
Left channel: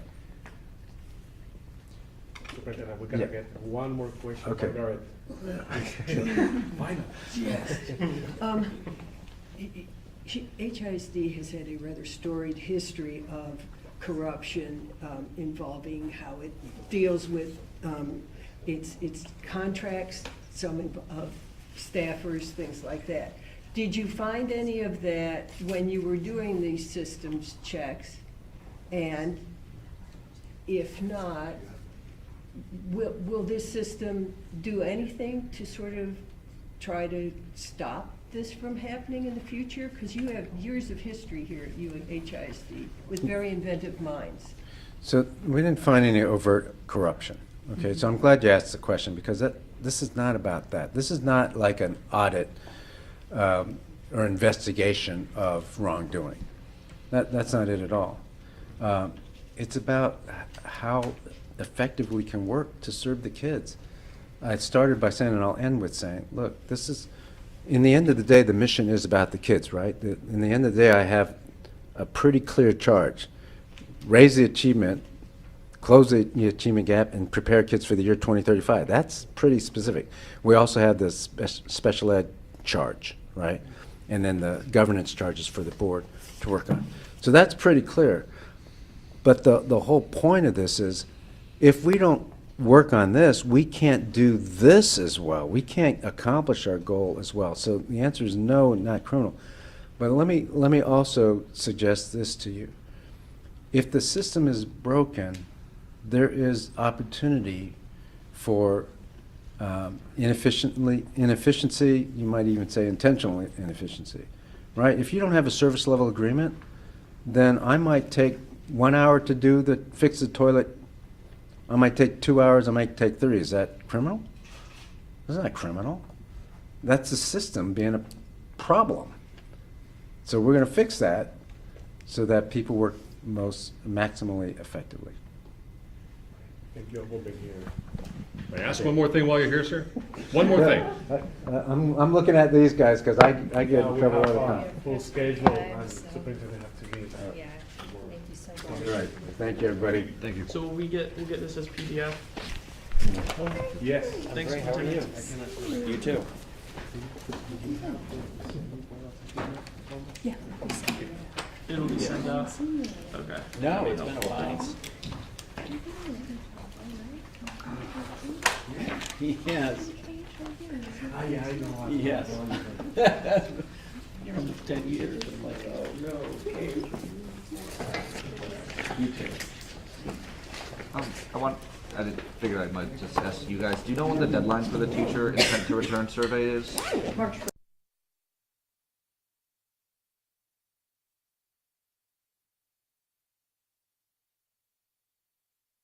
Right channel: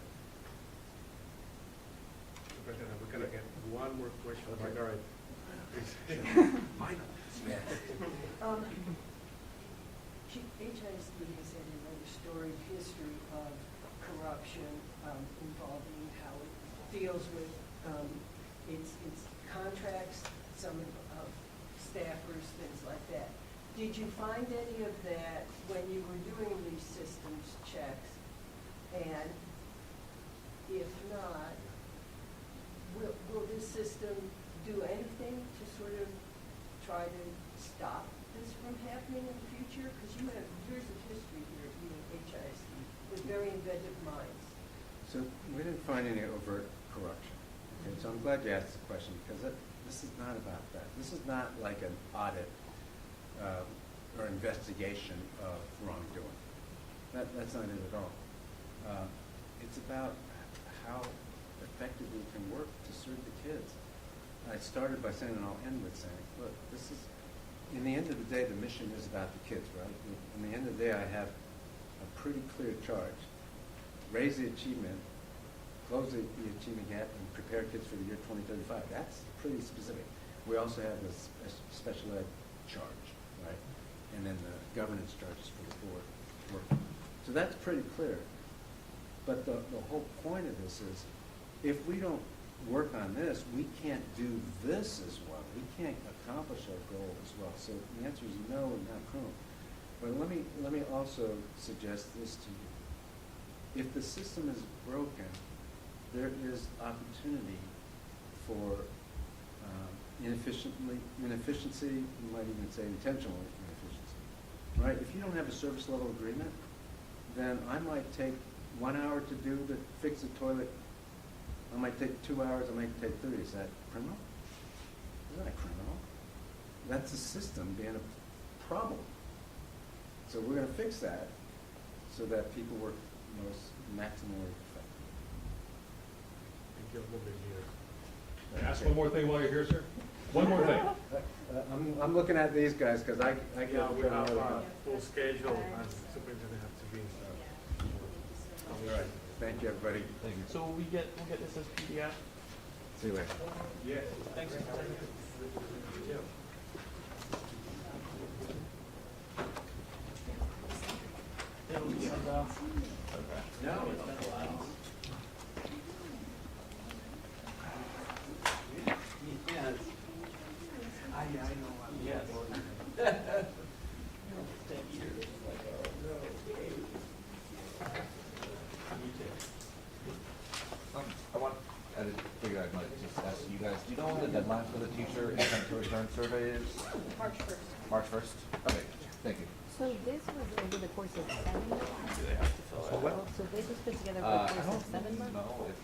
Superintendent, we're gonna Yeah. get one more question. Okay. Margaret. HISD has had a rather storied history of corruption involving how it deals with its contracts, some of staffers, things like that. Did you find any of that when you were doing these systems checks? And if not, will this system do anything to sort of try to stop this from happening in the future? Because you have years of history here at HISD with very inventive minds. So we didn't find any overt corruption. Okay, so I'm glad you asked the question, because this is not about that. This is not like an audit or investigation of wrongdoing. That's not it at all. It's about how effective we can work to serve the kids. I started by saying, and I'll end with saying, look, this is, in the end of the day, the mission is about the kids, right? In the end of the day, I have a pretty clear charge. Raise the achievement, close the achievement gap, and prepare kids for the year 2035. That's pretty specific. We also have the special ed charge, right? And then the governance charges for the board to work on. So that's pretty clear. But the whole point of this is, if we don't work on this, we can't do this as well. We can't accomplish our goal as well. So the answer is no, not criminal. But let me also suggest this to you. If the system is broken, there is opportunity for inefficiency, you might even say intentional inefficiency, right? If you don't have a service level agreement, then I might take 1 hour to fix the toilet. I might take 2 hours, I might take 30. Is that criminal? That's not criminal. That's the system being a problem. So we're going to fix that so that people work maximally effectively. Thank you. We'll be here. May I ask one more thing while you're here, sir? One more thing. I'm looking at these guys because I get Yeah, in we trouble all have the a time. full schedule and superintendent have to be. Yeah, thank you so much. All right. Thank you, everybody. Thank you. So we'll get this as PDF. Yes. Thanks, Great, how are you? Superintendent. You too. It'll be sent out. Okay. No, it's been a while. Yeah. Yes. Yes. You're almost 10 years. I'm like, oh, no. You too. I figured I might just ask you guys, do you know when the deadline for the teacher intent to return survey is? March 1st. March 1st? Okay, thank you. So this was over the course of 7 months? Do they have to fill So this was put together I over the course don't of 7 months? know if